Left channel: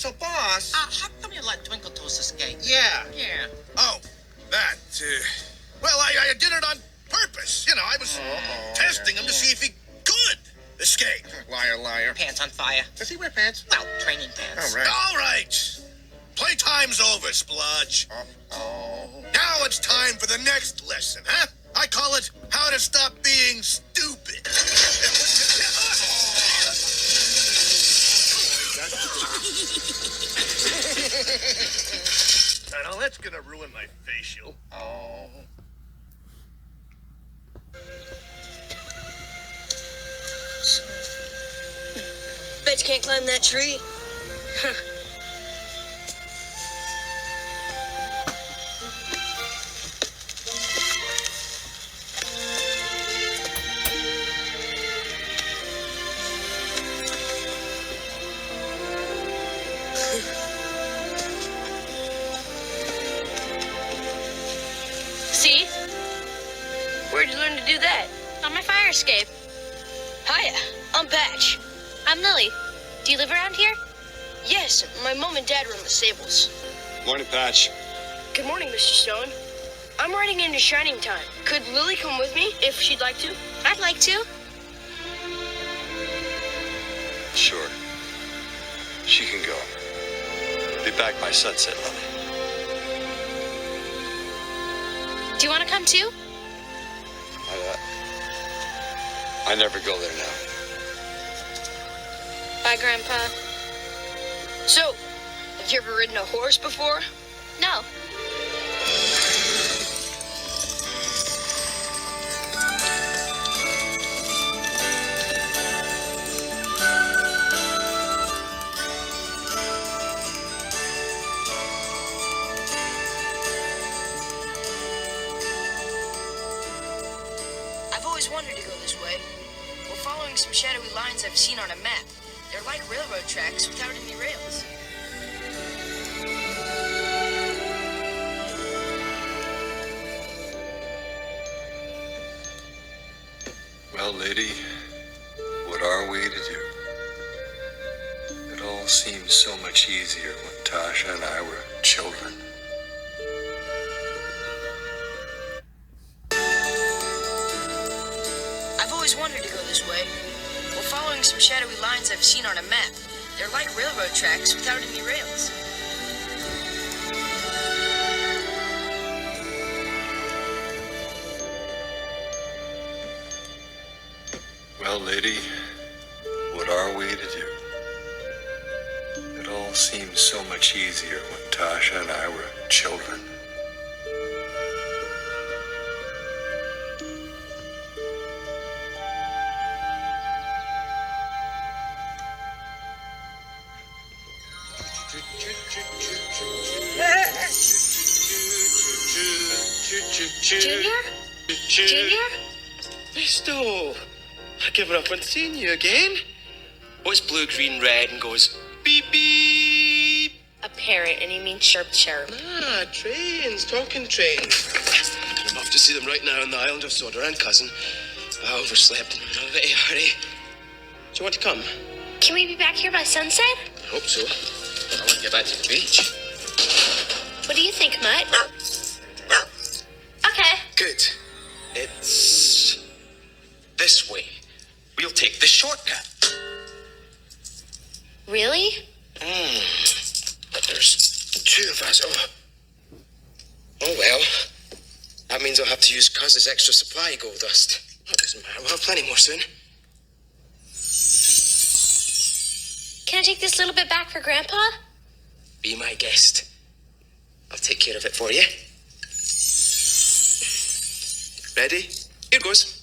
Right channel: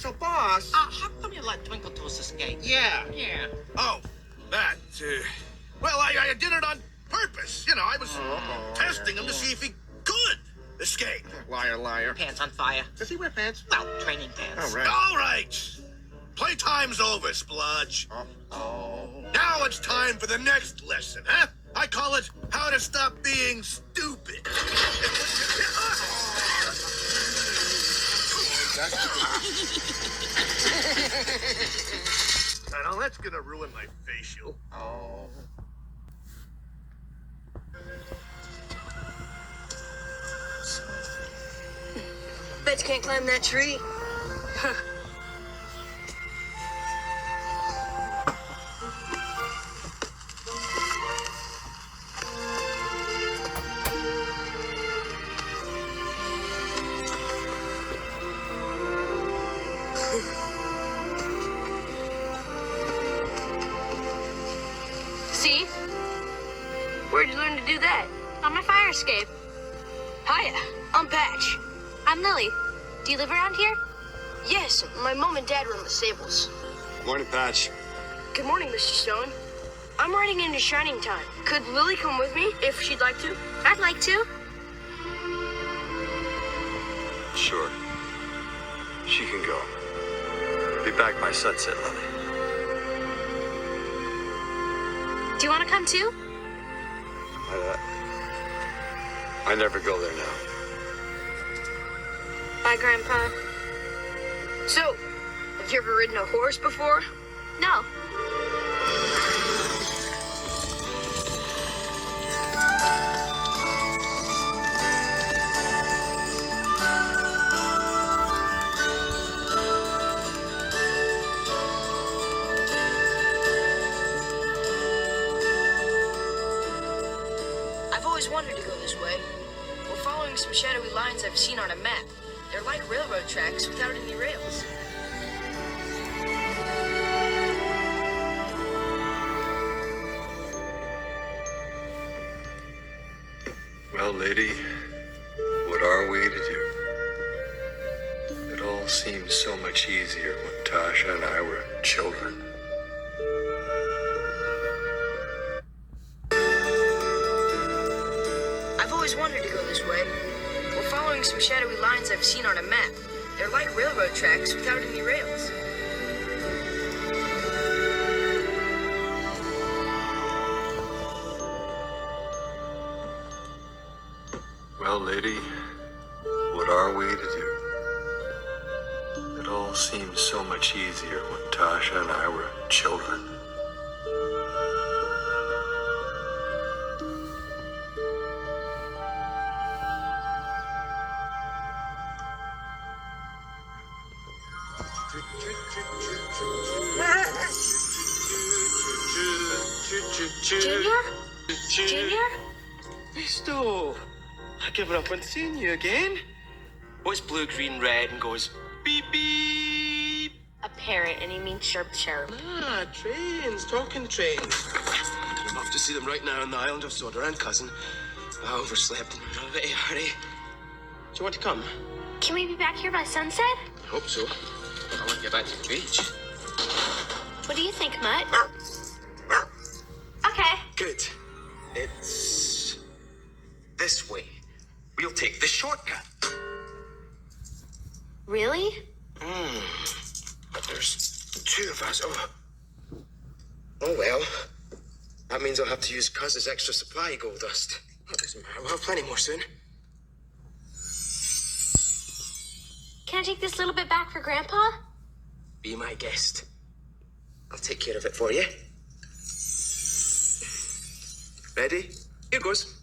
So, boss... how come you let Twinkle Toes escape? Yeah. Oh, that, well, I did it on purpose. You know, I was testing him to see if he could escape. Liar, liar. Pants on fire. Does he wear pants? Well, training pants. All right. Playtime's over, Spludge. Now it's time for the next lesson, huh? I call it How to Stop Being Stupid. Now that's gonna ruin my facial. Bet you can't climb that tree. See? Where'd you learn to do that? On my fire escape. Hiya, I'm Patch. I'm Lily. Do you live around here? Yes, my mom and dad run the stables. Morning, Patch. Good morning, Mr. Stone. I'm riding into Shining Time. Could Lily come with me if she'd like to? I'd like to. Sure. She can go. Be back by sunset, Lily. Do you want to come too? I never go there now. Bye, Grandpa. So, have you ever ridden a horse before? No. I've always wanted to go this way. We're following some shadowy lines I've seen on a map. They're like railroad tracks without any rails. Well, lady, what are we to do? It all seemed so much easier when Tasha and I were children. I've always wanted to go this way. We're following some shadowy lines I've seen on a map. They're like railroad tracks without any rails. Well, lady, what are we to do? It all seemed so much easier when Tasha and I were children. Junior? Junior? Misto, I've given up on seeing you again. What's blue, green, red, and goes beep, beep? A parrot, and he means sharp, sharp. Ah, trains, talking trains. I'm off to see them right now on the island of Soda, cousin. I overslept and I'm in a little hurry. Do you want to come? Can we be back here by sunset? I hope so. I want to get back to the beach. What do you think, Mutt? Okay. Good. It's this way. We'll take the shortcut. Really? But there's two of us. Oh well. That means I'll have to use Cuz's extra supply of gold dust. That doesn't matter. We'll have plenty more soon. Can I take this little bit back for Grandpa? Be my guest. I'll take care of it for you. Ready? Here goes.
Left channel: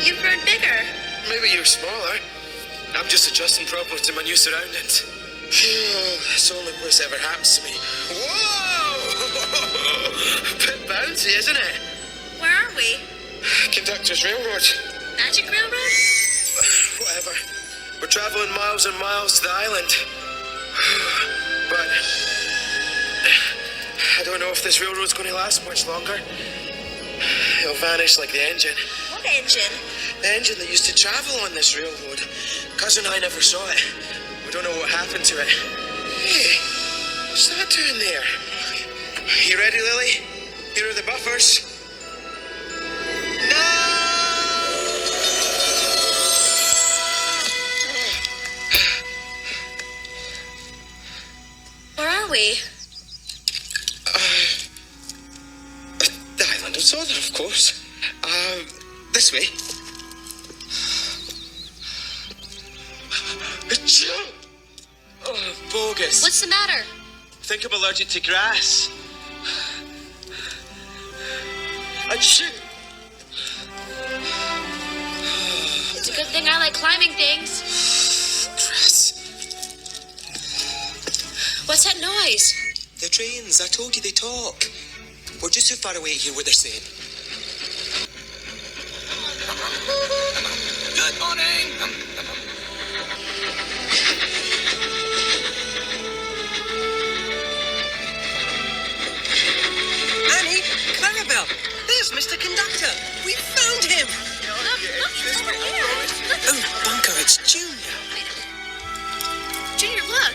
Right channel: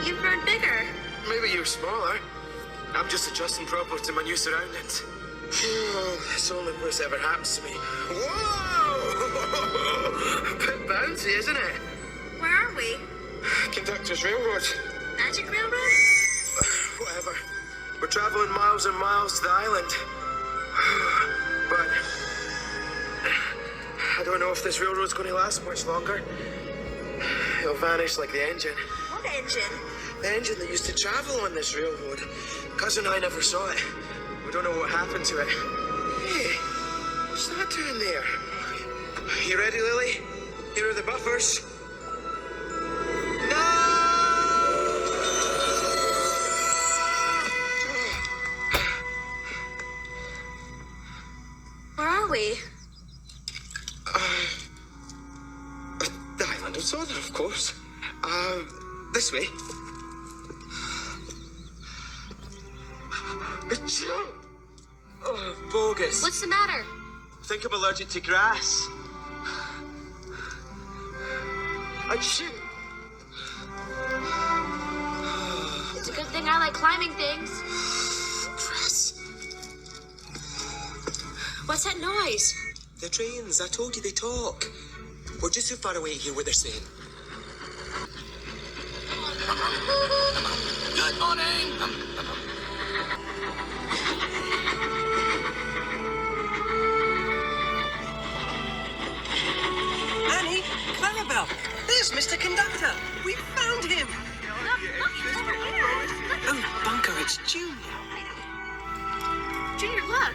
You've grown bigger. Maybe you're smaller. I'm just adjusting properly to my new surroundings. It's the only place that ever happens to me. Whoa! Bit bouncy, isn't it? Where are we? Conductor's Railroad. Magic Railroad? Whatever. We're traveling miles and miles to the island. But don't know if this railroad's going to last much longer. It'll vanish like the engine. What engine? The engine that used to travel on this railroad. Cousin and I never saw it. We don't know what happened to it. Hey, what's that doing there? You ready, Lily? Here are the buffers. Where are we? The island of Sodor, of course. This way. Achoo! Oh, bogus. What's the matter? I think I'm allergic to grass. Achoo! It's a good thing I like climbing things. Grass. What's that noise? The trains, I told you they talk. We're just too far away to hear what they're saying. Good morning. Annie, Clarabelle, there's Mr. Conductor. We found him. Look, it's over here. Oh, Bunker, it's Junior. Junior, look.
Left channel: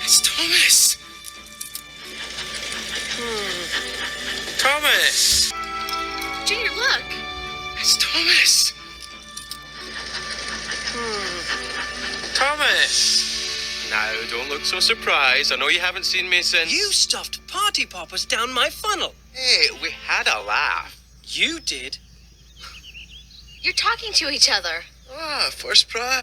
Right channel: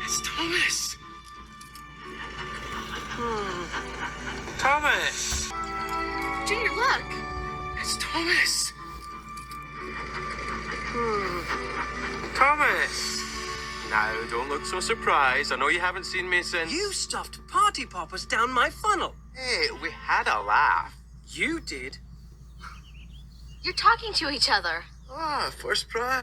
It's Thomas. Thomas. Junior, look. It's Thomas. Thomas. Now, don't look so surprised. I know you haven't seen me since... You stuffed party poppers down my funnel. Hey, we had a laugh. You did. You're talking to each other. Ah, first prize.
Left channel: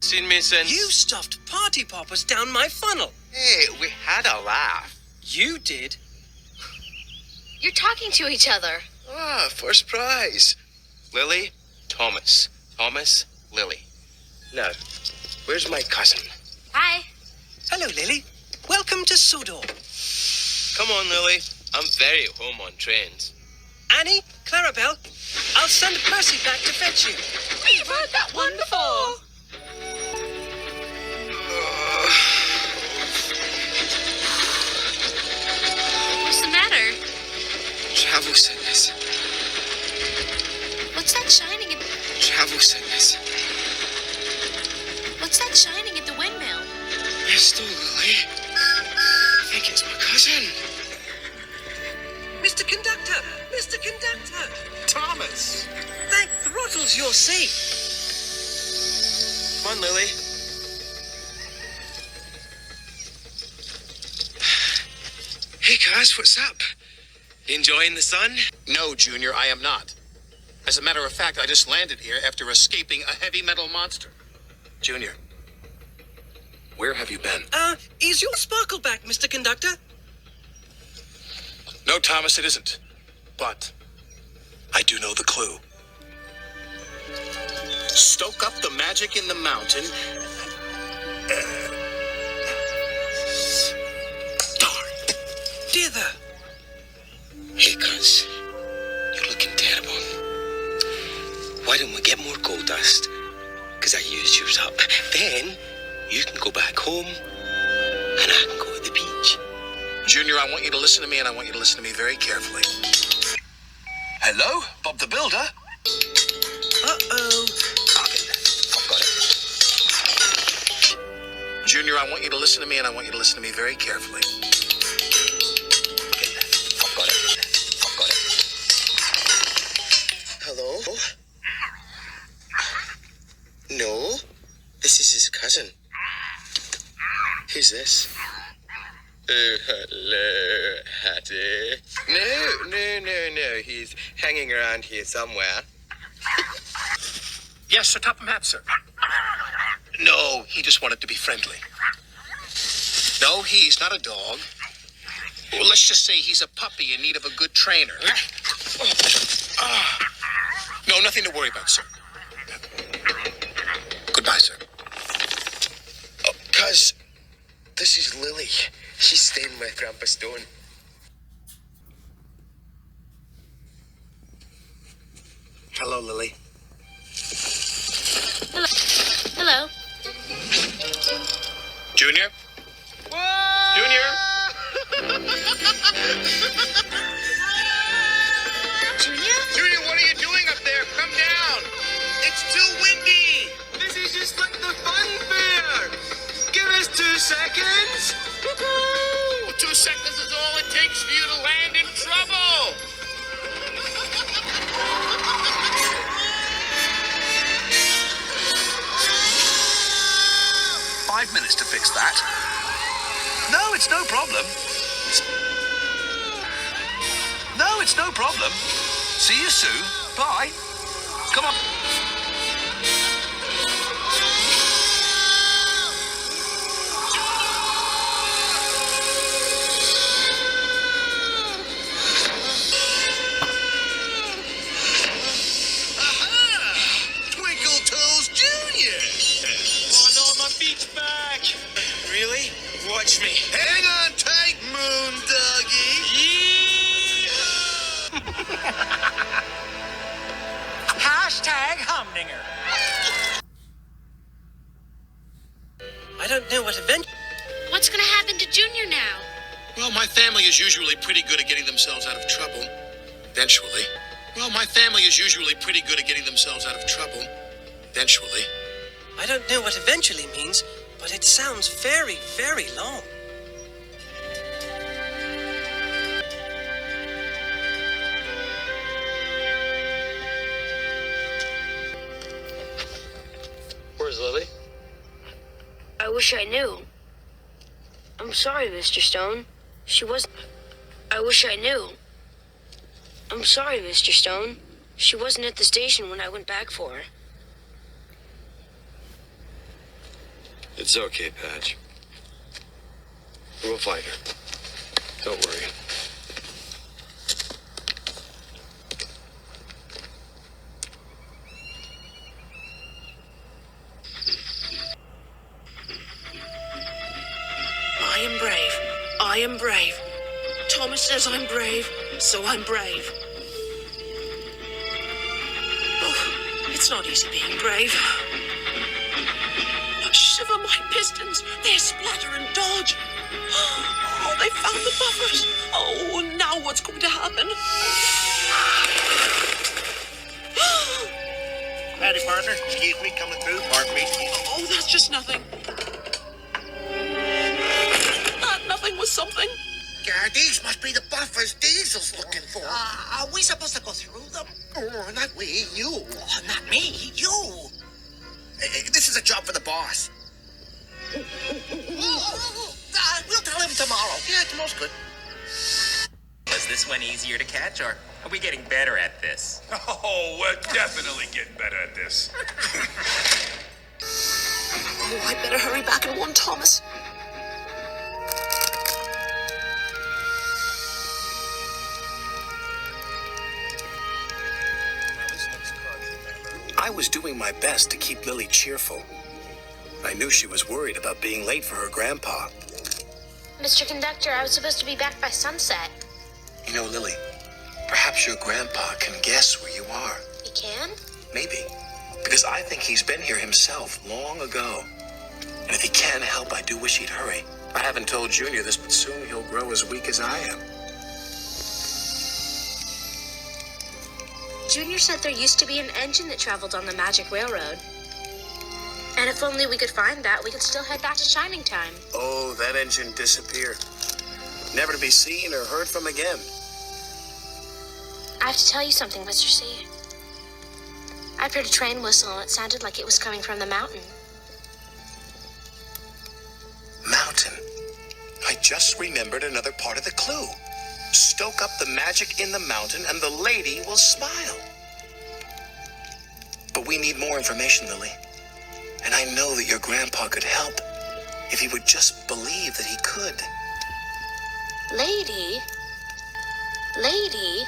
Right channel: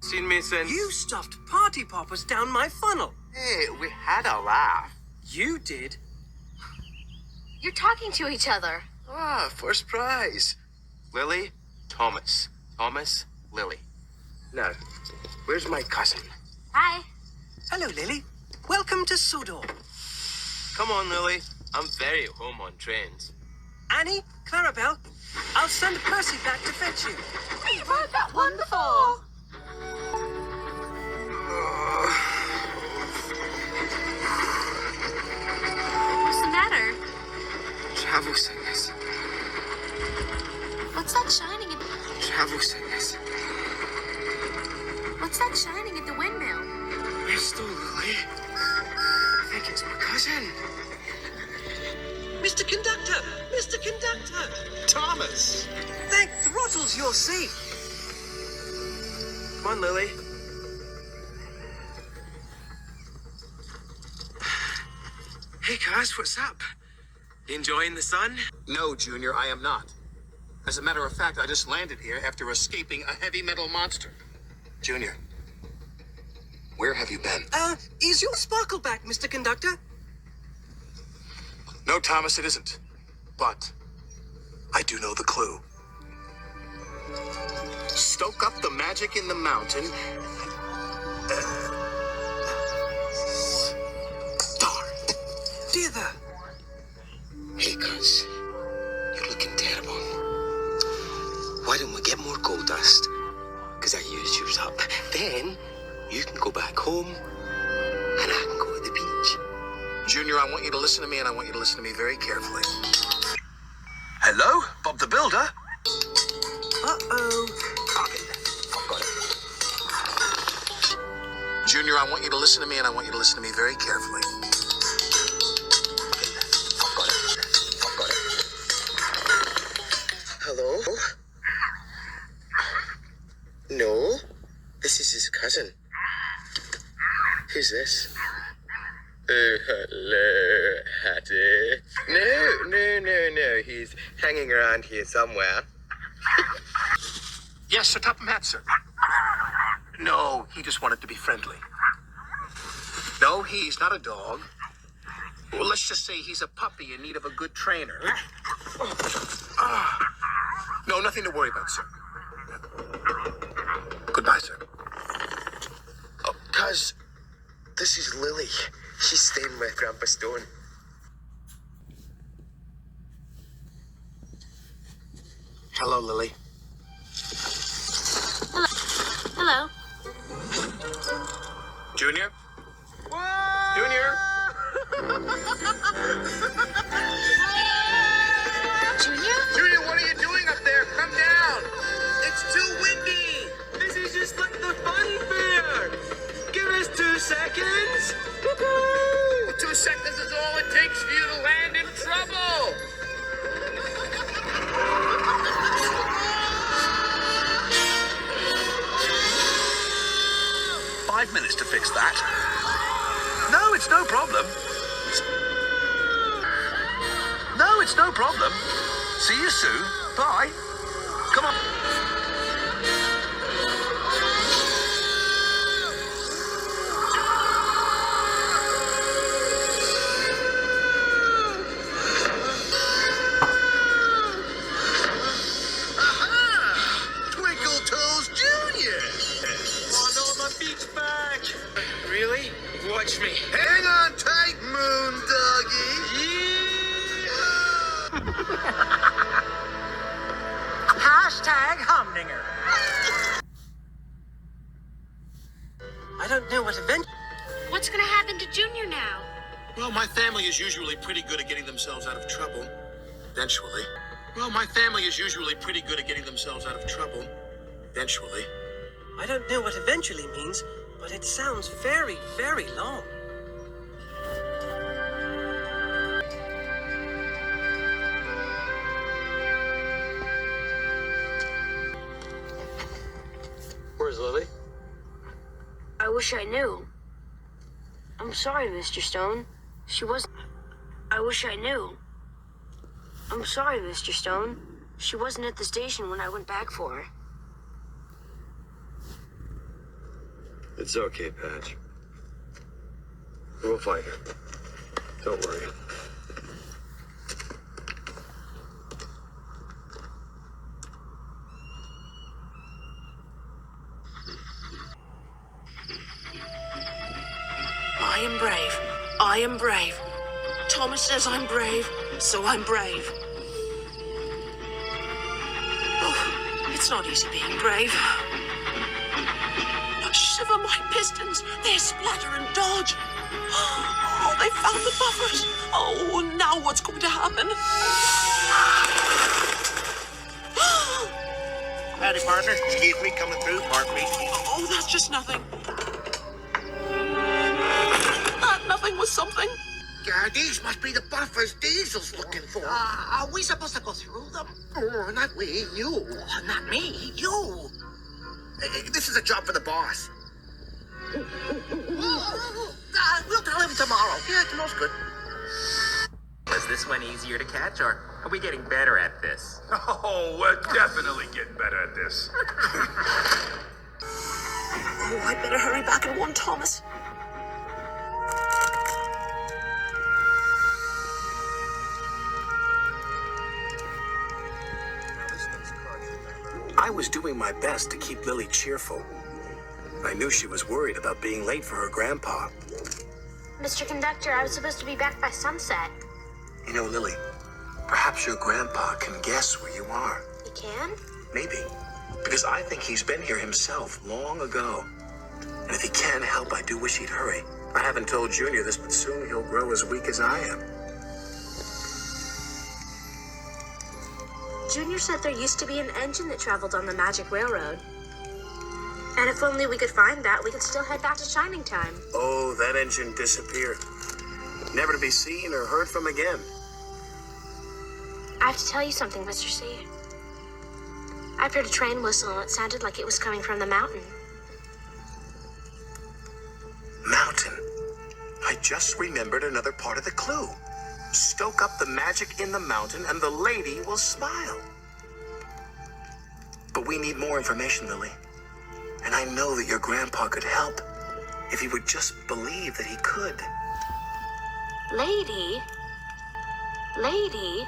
Seen me since... You stuffed party poppers down my funnel. Hey, we had a laugh. You did. You're talking to each other. Ah, first prize. Lily, Thomas. Thomas, Lily. Now, where's my cousin? Hi. Hello, Lily. Welcome to Sodor. Come on, Lily. I'm very at home on trains. Annie, Clarabelle, I'll send Percy back to fetch you. We've heard that one before. What's the matter? Travel sickness. What's that shining at... Travel sickness. What's that shining at the windmill? Mr. Lily. I think it's my cousin. Mr. Conductor! Mr. Conductor! Thomas. Thank throttles you're safe. Come on, Lily. Hey, Cuz, what's up? Enjoying the sun? No, Junior, I am not. As a matter of fact, I just landed here after escaping a heavy metal monster. Junior, where have you been? Is your sparkle back, Mr. Conductor? No, Thomas, it isn't. But I do know the clue. Stoke up the magic in the mountain. Darn. Dither. Hey, Cuz. You're looking terrible. Why don't we get more gold dust? Because I used yours up. Then you can go back home and I can go to the beach. Junior, I want you to listen to me, and I want you to listen to me very carefully. Hello? Bob the Builder? Uh-oh. I'll get that. I've got it. Junior, I want you to listen to me, and I want you to listen to me very carefully. Get that. I've got it. I've got it. Hello? No, this is his cousin. Who's this? Oh, hello, Hattie. No. He's hanging around here somewhere. Yes, Sir Topham Hatt, sir. No, he just wanted to be friendly. No, he's not a dog. Well, let's just say he's a puppy in need of a good trainer. No, nothing to worry about, sir. Goodbye, sir. Oh, Cuz, this is Lily. She's staying with Grandpa Stone. Hello, Lily. Hello. Junior? Junior? Junior? Junior, what are you doing up there? Come down. It's too windy. This is just like the fun fair. Give us 2 seconds. 2 seconds is all it takes for you to land in trouble. 5 minutes to fix that. No, it's no problem. No, it's no problem. See you soon. Bye. Come on. Twinkle Toes Jr. Oh no, my feet's back. Really? Watch me. Hang on tight, Moon Doggy. Hashtag Humdinger. I don't know what event. What's gonna happen to Junior now? Well, my family is usually pretty good at getting themselves out of trouble. Eventually. Well, my family is usually pretty good at getting themselves out of trouble. Eventually. I don't know what eventually means, but it sounds very, very long. Where's Lily? I wish I knew. I'm sorry, Mr. Stone. She wasn't. I wish I knew. I'm sorry, Mr. Stone. She wasn't at the station when I went back for her. It's okay, Patch. We'll find her. Don't worry. I am brave. I am brave. Thomas says I'm brave, so I'm brave. Oh, it's not easy being brave. Shiver my pistons. They splatter and dodge. Oh, they found the buffers. Oh, now what's going to happen? Howdy, partner. Excuse me, coming through. Pardon me. Oh, that's just nothing. That nothing was something. These must be the buffers Diesel's looking for. Are we supposed to go through them? Oh, not we, you. Oh, not me, you. This is a job for the boss. We'll tell him tomorrow. Yeah, tomorrow's good. Was this one easier to catch, or are we getting better at this? Oh, we're definitely getting better at this. Oh, I better hurry back and warn Thomas. I was doing my best to keep Lily cheerful. I knew she was worried about being late for her grandpa. Mr. Conductor, I was supposed to be back by sunset. You know, Lily, perhaps your grandpa can guess where you are. He can? Maybe. Because I think he's been here himself long ago. And if he can help, I do wish he'd hurry. I haven't told Junior this, but soon he'll grow as weak as I am. Junior said there used to be an engine that traveled on the Magic Railroad. And if only we could find that, we could still head back to Shining Time. Oh, that engine disappeared. Never to be seen or heard from again. I have to tell you something, Mr. C. I've heard a train whistle, and it sounded like it was coming from the mountain. Mountain. I just remembered another part of the clue. Stoke up the magic in the mountain and the lady will smile. But we need more information, Lily. And I know that your grandpa could help if he would just believe that he could. Lady? Lady?